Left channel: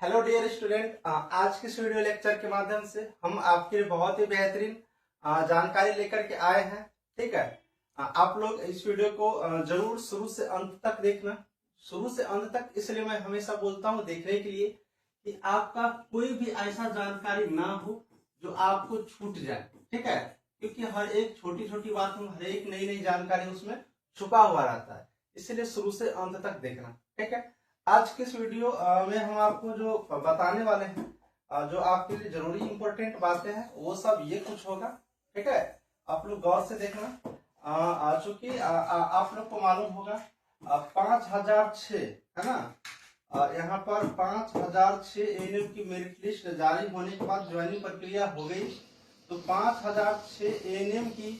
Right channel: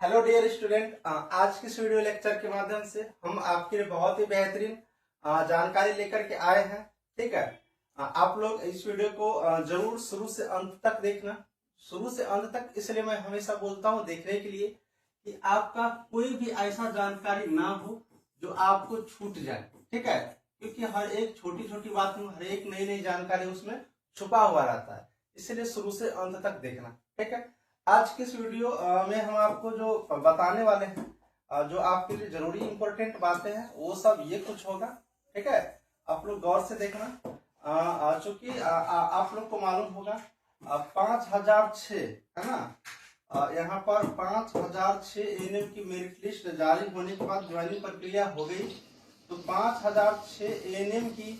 Hello dear student, आज के इस वीडियो लेक्चर के माध्यम से हम आपके लिए बहुत ही बेहतरीन जानकारी लेकर के आए हैं। ठीक है, आप लोग इस वीडियो को जरूर शुरू से अंत तक देखना। शुरू से अंत तक इसलिए मैं हमेशा बोलता हूं देखने के लिए कि आपका कोई भी ऐसा जानकारी ना हो जो आपको छूट जाए। ठीक है, क्योंकि हर एक छोटी छोटी बात में हर एक नई नई जानकारी उसमें छुपा हुआ रहता है, इसलिए शुरू से अंत तक देखना। ठीक है, आज के इस वीडियो में हम आपको जो बताने वाले हैं, जो आपके लिए जरूरी इंपॉर्टेंट बातें हैं वो सब ये कुछ होगा। ठीक है, आप लोग गौर से देखना। चूंकि आप लोग को मालूम होगा 5006 है ना, यहाँ पर 5006 एएनएम की मेरिट लिस्ट जारी होने के बाद ज्वाइनिंग प्रक्रिया हो गई। तो 5006 एएनएम की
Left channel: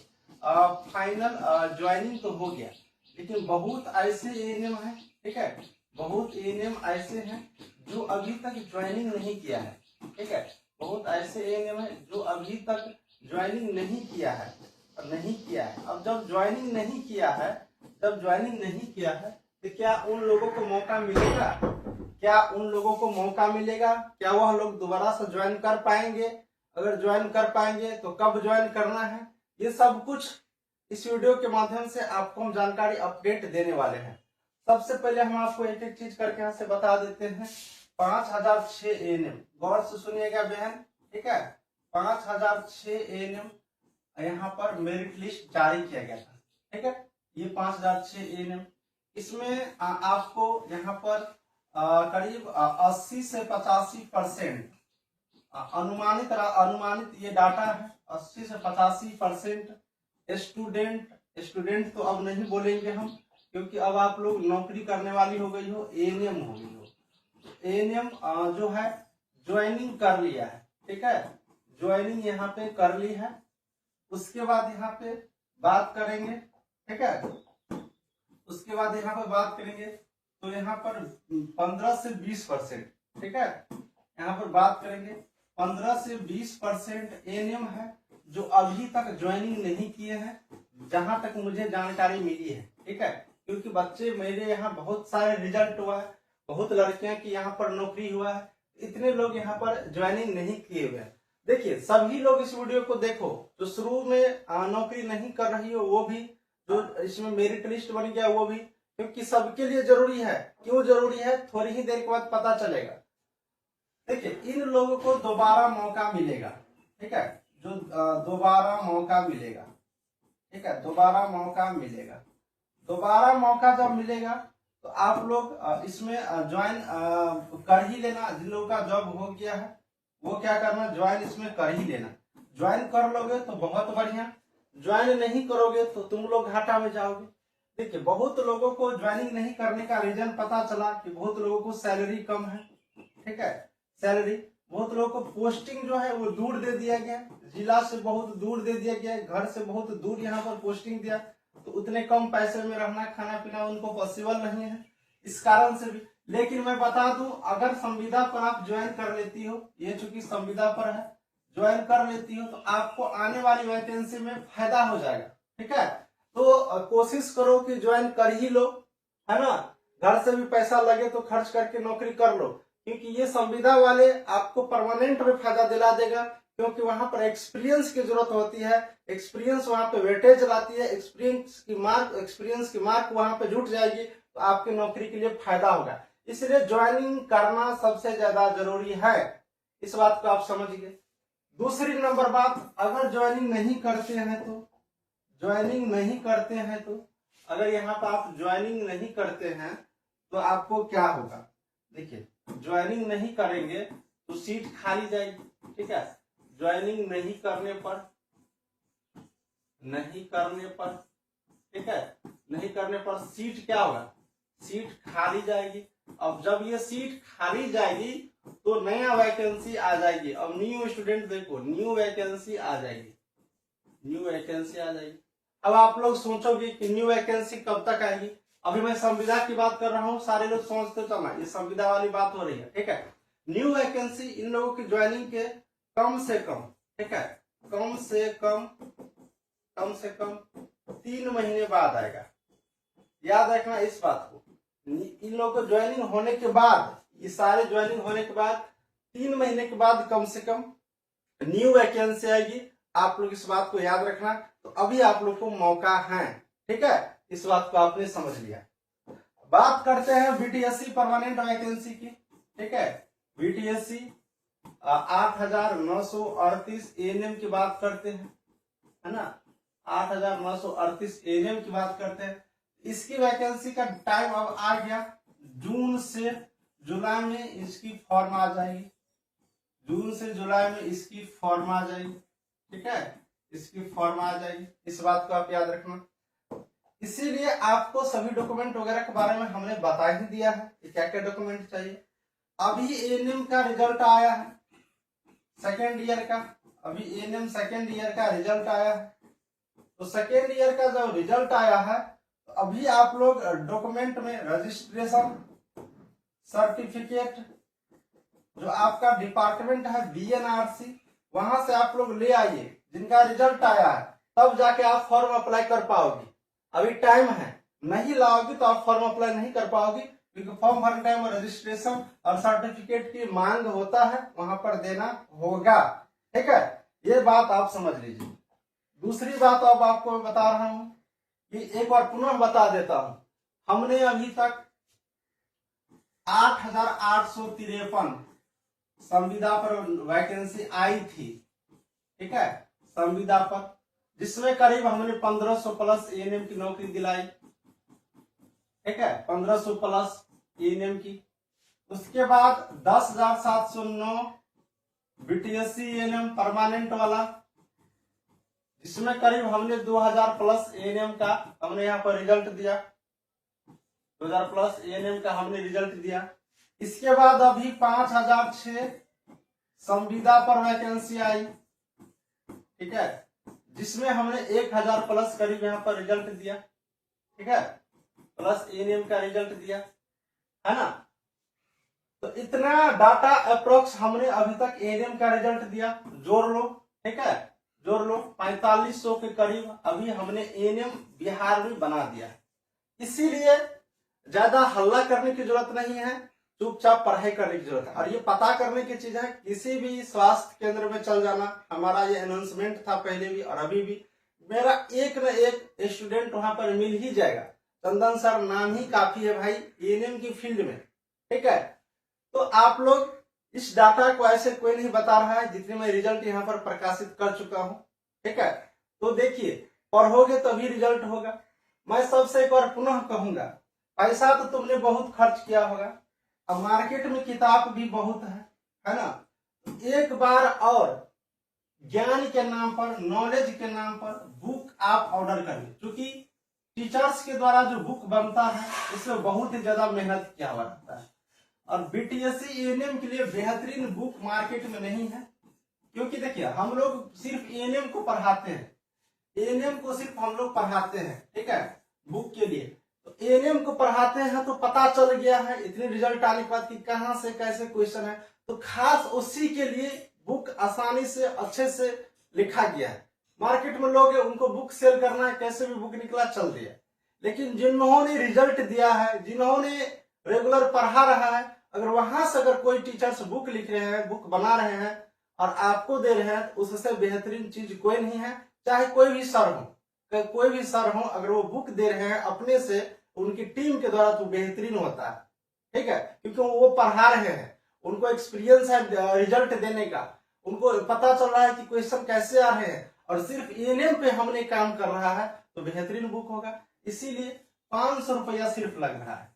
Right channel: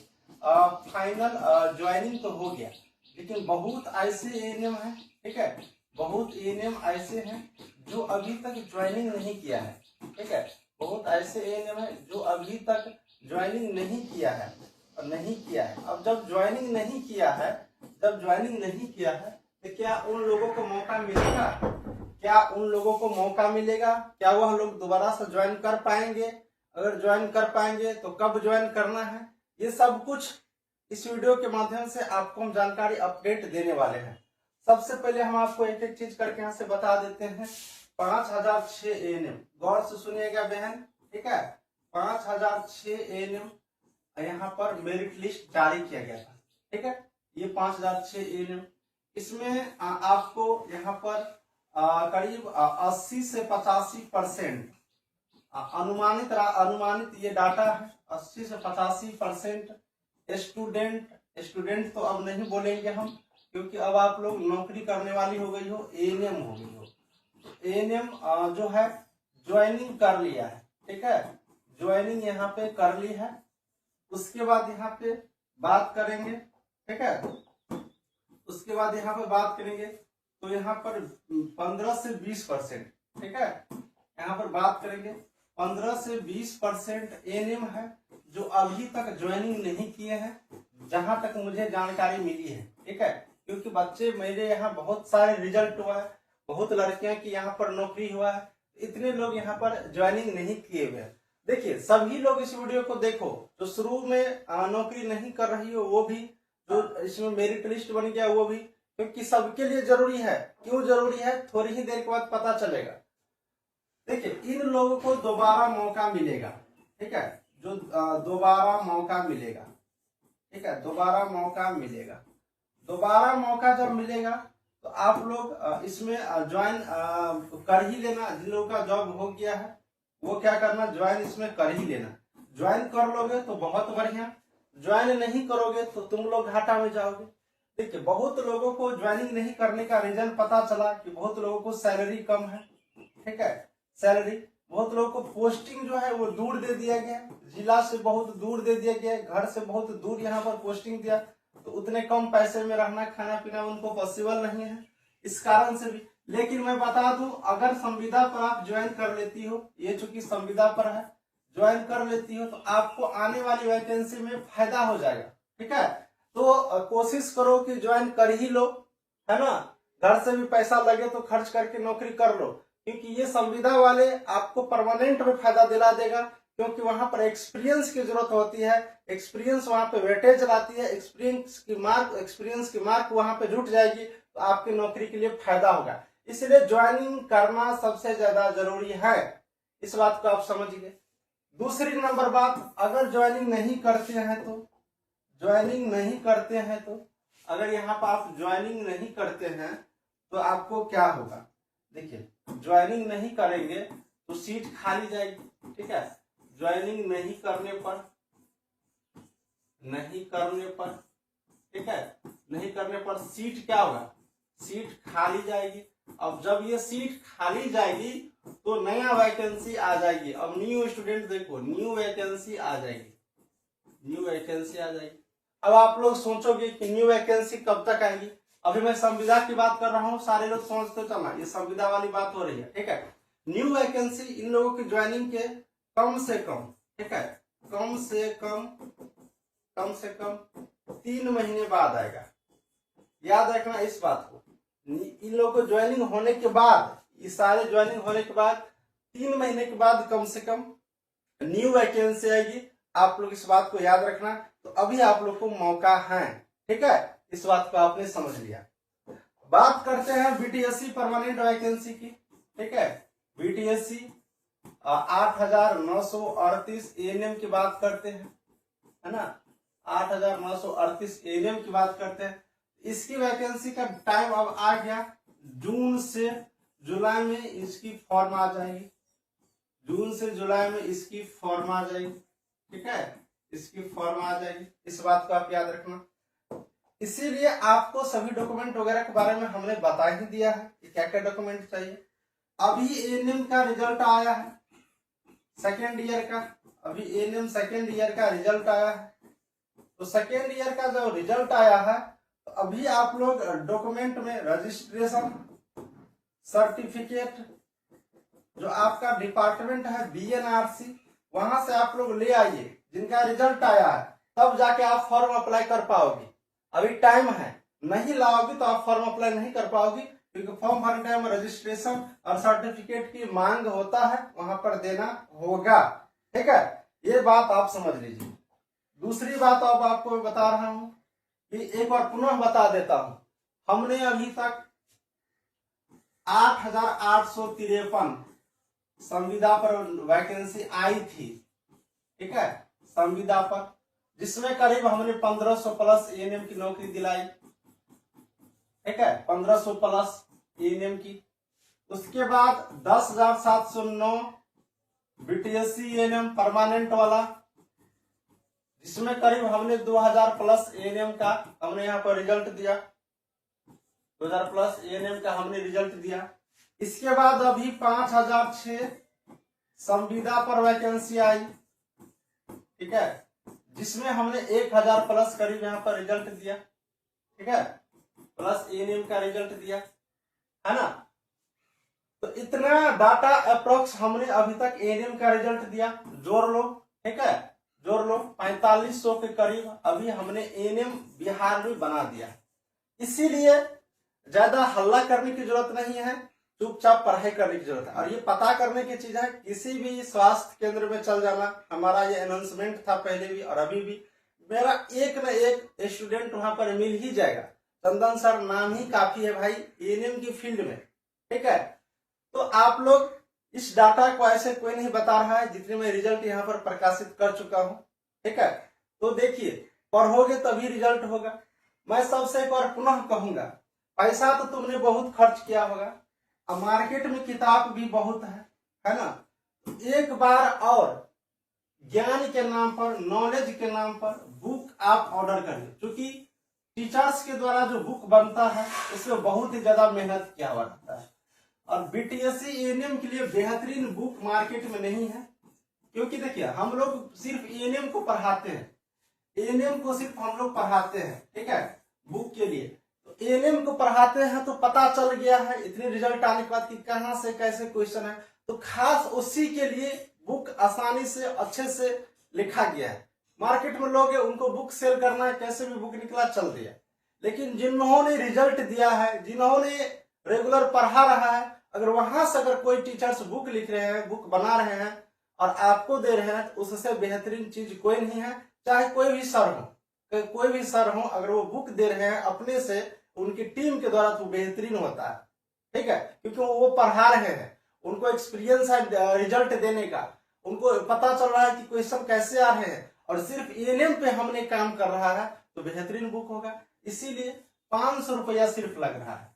फाइनल ज्वाइनिंग तो हो गया, लेकिन बहुत ऐसे एएनएम है, ठीक है, बहुत एएनएम ऐसे हैं जो अभी तक ज्वाइनिंग नहीं किया है। ठीक है, बहुत ऐसे एएनएम है जो अभी तक ज्वाइनिंग नहीं किया है और नहीं किया है। अब जब ज्वाइनिंग नहीं किया है, तो क्या उन लोगों को मौका मिलेगा? क्या वह लोग दोबारा से ज्वाइन कर पाएंगे? अगर ज्वाइन कर पाएंगे तो कब ज्वाइन करना है? ये सब कुछ इस वीडियो के माध्यम से आपको हम जानकारी अपडेट देने वाले हैं। सबसे पहले हम आपको एक एक चीज करके यहाँ से बता देते हैं। 5006 एएनएम, गौर से सुनिएगा बहन। ठीक है, 5006 एएनएम यहाँ पर मेरिट लिस्ट जारी किया गया था। ठीक है, ये 5006 एएनएम, इसमें आपको यहाँ पर करीब 80 से 85% अनुमानित ये डाटा है। 80 से 85% स्टूडेंट तो अब नहीं बोलेंगे हम, क्योंकि अब आप लोग नौकरी करने वाली हो गई हो, एएनएम हो गई हो। एएनएम जो है ज्वाइनिंग कर लिया है। ठीक है, ज्वाइनिंग यहाँ पे कर ली है। उसके बाद यहाँ पे बात करेंगे। ठीक है, उसके बाद यहाँ पे बात करेंगे तो यहाँ पर 15 से 20%, ठीक है, यहाँ पर बात करेंगे 15 से 20% एएनएम है जो अभी तक ज्वाइनिंग नहीं किए हैं, जहां तक मुझे जानकारी मिली है। ठीक है, क्योंकि बच्चे मेरे यहाँ बहुत सारे रिजल्ट हुआ है, बहुत लड़कियां की यहाँ पर नौकरी हुआ है, इतने लोग यहाँ पर ज्वाइनिंग नहीं किए हुए हैं। देखिए, सभी लोग इस वीडियो को देखो, जो शुरू में नौकरी नहीं कर रही हो वो भी, जो इसमें मेरिट लिस्ट बन गया वो भी, क्योंकि सबके लिए जरूरी है। क्यों जरूरी है, थोड़ी ही देर के बाद पता चलेगा। देखिए, इन लोगों को दोबारा मौका मिलेगा। ठीक है, जो दोबारा मौका मिलेगा। ठीक है, दोबारा मौका जब मिलेगा तो आप लोग इसमें ज्वाइन कर ही लेना। जिन लोगों का जॉब हो गया है वो क्या करना, ज्वाइन इसमें कर ही लेना। ज्वाइन कर लोगे तो बहुत बढ़िया, ज्वाइन नहीं करोगे तो तुम लोग घाटा में जाओगे। देखिए, बहुत लोगों को ज्वाइनिंग नहीं करने का रीजन पता चला कि बहुत लोगों को सैलरी कम है। ठीक है, सैलरी, बहुत लोगों को पोस्टिंग जो है वो दूर दे दिया गया, जिला से बहुत दूर दे दिया गया, घर से बहुत दूर यहाँ पर पोस्टिंग दिया, तो उतने कम पैसे में रहना खाना पीना उनको पॉसिबल नहीं है, इस कारण से भी। लेकिन मैं बता दूं, अगर संविदा पर आप ज्वाइन कर लेती हो, ये चूंकि संविदा पर है, ज्वाइन कर लेती हो तो आपको आने वाली वैकेंसी में फायदा हो जाएगा। ठीक है, तो कोशिश करो कि ज्वाइन कर ही लो, है ना। घर से भी पैसा लगे तो खर्च करके नौकरी कर लो, क्योंकि ये संविदा वाले आपको परमानेंट में फायदा दिला देगा, क्योंकि वहां पर एक्सपीरियंस की जरूरत होती है। एक्सपीरियंस वहां पे वेटेज लाती है, एक्सपीरियंस की मार्क वहां पे जुट जाएगी, तो आपकी नौकरी के लिए फायदा होगा। इसलिए ज्वाइनिंग करना सबसे ज्यादा जरूरी है, इस बात को आप समझिए। दूसरी नंबर बात, अगर ज्वाइनिंग नहीं करते हैं तो अगर यहाँ पर आप ज्वाइनिंग नहीं करते हैं तो आपको क्या होगा। देखिए, ज्वाइनिंग नहीं करेंगे तो सीट खाली जाएगी। ठीक है, ज्वाइनिंग नहीं करने पर, ठीक है, नहीं करने पर सीट क्या होगा, सीट खाली जाएगी। अब जब ये सीट खाली जाएगी तो नया वैकेंसी आ जाएगी। अब न्यू स्टूडेंट देखो, न्यू वैकेंसी आ जाएगी। अब आप लोग सोचोगे कि न्यू वैकेंसी कब तक आएगी। अभी मैं संविदा की बात कर रहा हूँ, सारे लोग सोचते चलना ये संविदा वाली बात हो रही है। ठीक है, न्यू वैकेंसी इन लोगों की ज्वाइनिंग के कम से कम, ठीक है, कम से कम 3 महीने बाद आएगा। याद रखना इस बात को। इन लोगों को ज्वाइनिंग होने के बाद ये सारे ज्वाइनिंग होने के बाद 3 महीने के बाद कम से कम न्यू वैकेंसी आएगी। आप लोग इस बात को याद रखना। तो अभी आप लोग को मौका है, ठीक है, इस बात को आपने समझ लिया। बात करते हैं बीटीएससी परमानेंट वैकेंसी की, ठीक है। बीटीएससी 8,938 एएनएम की बात करते हैं, है ना, 8,938 एएनएम की बात करते हैं। इसकी वैकेंसी का टाइम अब आ गया, जून से जुलाई में इसकी फॉर्म आ जाएगी, जून से जुलाई में इसकी फॉर्म आ जाएगी, ठीक है, इसकी फॉर्म आ जाएगी। इस बात को आप याद रखना। इसीलिए आपको सभी डॉक्यूमेंट वगैरह के बारे में हमने बता ही दिया है कि क्या क्या डॉक्यूमेंट चाहिए। अभी एएनएम का रिजल्ट आया है सेकेंड ईयर का, अभी एएनएम सेकेंड ईयर का रिजल्ट आया है। तो सेकेंड ईयर का जो रिजल्ट आया है, तो अभी आप लोग डॉक्यूमेंट में रजिस्ट्रेशन सर्टिफिकेट, जो आपका डिपार्टमेंट है बीएनआरसी, वहां से आप लोग ले आइए, जिनका रिजल्ट आया है, तब जाके आप फॉर्म अप्लाई कर पाओगे। अभी टाइम है, नहीं लाओगे तो आप फॉर्म अप्लाई नहीं कर पाओगे, क्योंकि फॉर्म भरने टाइम रजिस्ट्रेशन और सर्टिफिकेट की मांग होता है, वहां पर देना होगा, ठीक है। ये बात आप समझ लीजिए। दूसरी बात अब आपको मैं बता रहा हूं कि एक बार पुनः बता देता हूं, हमने अभी तक 8,853 संविदा पर वैकेंसी आई थी, ठीक है, संविदा पर, जिसमें करीब हमने 1500 प्लस एएनएम की नौकरी दिलाई, ठीक है, 1500 प्लस एएनएम की। उसके बाद 10,709 बीटीएससी एएनएम परमानेंट वाला, जिसमें करीब हमने 2000 प्लस एएनएम का हमने यहाँ पर रिजल्ट दिया, 2000 प्लस एएनएम का हमने रिजल्ट दिया। इसके बाद अभी 5,006 संविदा पर वैकेंसी आई, ठीक है, जिसमें हमने 1,000 प्लस करीब यहाँ पर रिजल्ट दिया, ठीक है, प्लस एएनएम का रिजल्ट दिया, है ना। तो इतना डाटा अप्रोक्स हमने अभी तक एएनएम का रिजल्ट दिया, जोड़ लो, ठीक है, जोड़ लो, 4500 के करीब अभी हमने एएनएम बिहार में बना दिया। इसीलिए ज्यादा हल्ला करने की जरूरत नहीं है, चुपचाप पढ़ाई करने की जरूरत है। और ये पता करने की चीज है, किसी भी स्वास्थ्य केंद्र में चल जाना, हमारा ये अनाउंसमेंट था पहले भी और अभी भी, मेरा एक न एक स्टूडेंट वहां पर मिल ही जाएगा। चंदन सर नाम ही काफी है भाई एएनएम की फील्ड में, ठीक है। तो आप लोग इस डाटा को ऐसे कोई नहीं बता रहा है जितने मैं रिजल्ट यहाँ पर प्रकाशित कर चुका हूँ, ठीक है। तो देखिए, पढ़ोगे तभी रिजल्ट होगा। मैं सबसे एक बार पुनः कहूंगा, पैसा तो तुमने बहुत खर्च किया होगा, अब मार्केट में किताब भी बहुत है ना। एक बार और ज्ञान के नाम पर, नॉलेज के नाम पर बुक आप ऑर्डर करिए, क्योंकि टीचर्स के द्वारा जो बुक बनता है इसमें बहुत ही ज्यादा मेहनत किया हुआ रहता है। और बीटीएससी एएनएम के लिए बेहतरीन बुक मार्केट में नहीं है, क्योंकि देखिए हम लोग सिर्फ एएनएम को पढ़ाते हैं, एएनएम को सिर्फ हम लोग पढ़ाते हैं, ठीक है, बुक के लिए। तो एएनएम को पढ़ाते हैं तो पता चल गया है इतने रिजल्ट आने के बाद कि कहाँ से कैसे क्वेश्चन है, तो खास उसी के लिए बुक आसानी से अच्छे से लिखा गया है। मार्केट में लोग उनको बुक सेल करना है, कैसे भी बुक निकला चल दिया। लेकिन जिन्होंने रिजल्ट दिया है, जिन्होंने रेगुलर पढ़ा रहा है, अगर वहां से अगर कोई टीचर्स बुक लिख रहे हैं, बुक बना रहे हैं और आपको दे रहे हैं, तो उससे बेहतरीन चीज कोई नहीं है। चाहे कोई भी सर हो, कोई भी सर हो, अगर वो बुक दे रहे हैं अपने से, उनकी टीम के द्वारा, तो बेहतरीन होता है, ठीक है, क्योंकि वो पढ़ा रहे हैं, उनको एक्सपीरियंस है रिजल्ट देने का, उनको पता चल रहा है कि क्वेश्चन कैसे आ रहे हैं, और सिर्फ एएनएम पे हमने काम कर रहा है, तो बेहतरीन बुक होगा। इसीलिए 500 रुपया सिर्फ लग रहा है।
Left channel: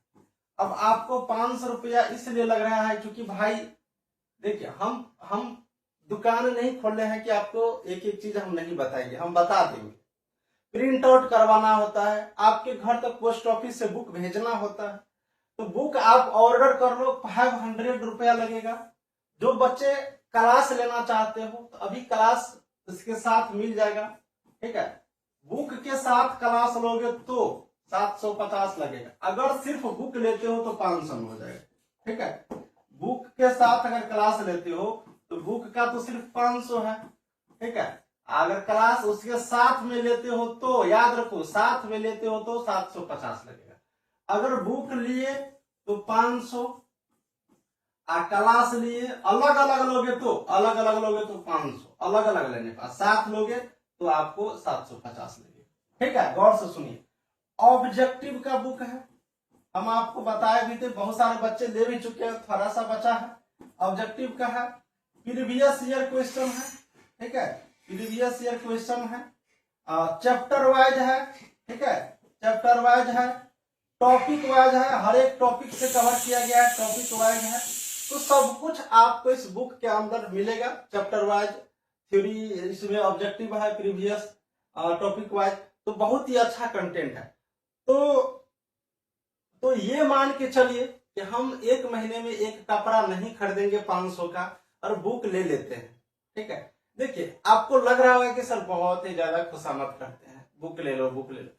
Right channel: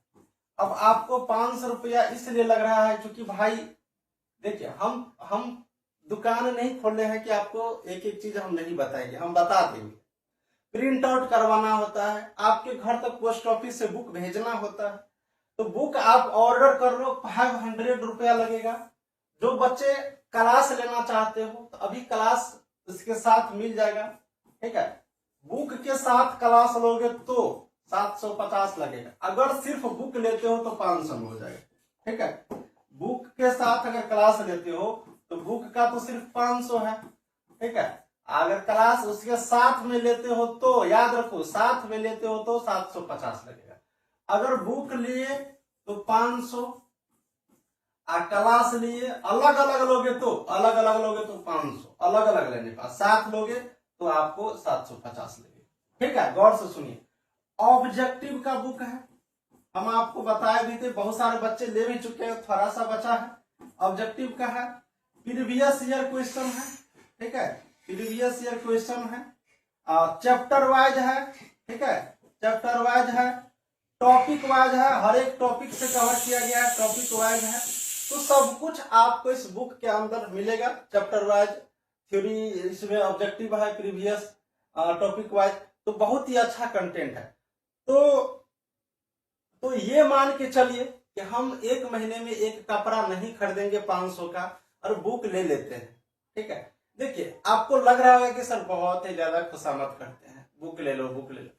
अब आपको 500 रुपया इसलिए लग रहा है क्योंकि भाई देखिए, हम दुकान नहीं खोल रहे हैं कि आपको एक एक चीज हम नहीं बताएंगे, हम बता देंगे। प्रिंट आउट करवाना होता है, आपके घर तक पोस्ट ऑफिस से बुक भेजना होता है, तो बुक आप ऑर्डर कर लो, 500 रुपया लगेगा। जो बच्चे क्लास लेना चाहते हो तो अभी क्लास इसके साथ मिल जाएगा, ठीक है। बुक के साथ क्लास लोगे तो 750 लगेगा, अगर सिर्फ बुक लेते हो तो 500 में हो जाएगा, ठीक है। बुक के साथ अगर क्लास लेते हो तो बुक का तो सिर्फ 500 है, ठीक है। अगर क्लास उसके साथ में लेते हो तो याद रखो, साथ में लेते हो तो 750 लगेगा। अगर बुक लिए तो 500, क्लास लिए अलग अलग लोगे तो 500, अलग अलग लेने का 7 लोगे तो आपको 750 लगेगा। ठीक है, गौर से सुनिए। ऑब्जेक्टिव का बुक है, हम आपको बताए भी थे, बहुत सारे बच्चे ले भी चुके हैं, थोड़ा सा बचा है। ऑब्जेक्टिव का है, प्रीवियस ईयर क्वेश्चन है। ठीक है, प्रीवियस ईयर क्वेश्चन है, चैप्टर वाइज है। ठीक है, चैप्टर वाइज है, टॉपिक वाइज है, हर एक टॉपिक से कवर किया गया है, टॉपिक वाइज है। तो सब कुछ आपको इस बुक के अंदर मिलेगा, चैप्टर वाइज, थ्योरी, इसमें ऑब्जेक्टिव है, प्रीवियस, टॉपिक वाइज। तो बहुत ही अच्छा कंटेंट है। तो ये मान के चलिए कि हम एक महीने में एक कपड़ा नहीं खरीदेंगे 500 का और बुक ले लेते हैं। ठीक है, देखिए आपको लग रहा होगा कि सर बहुत ही ज्यादा खुशामद करते हैं, बुक ले लो बुक ले लो।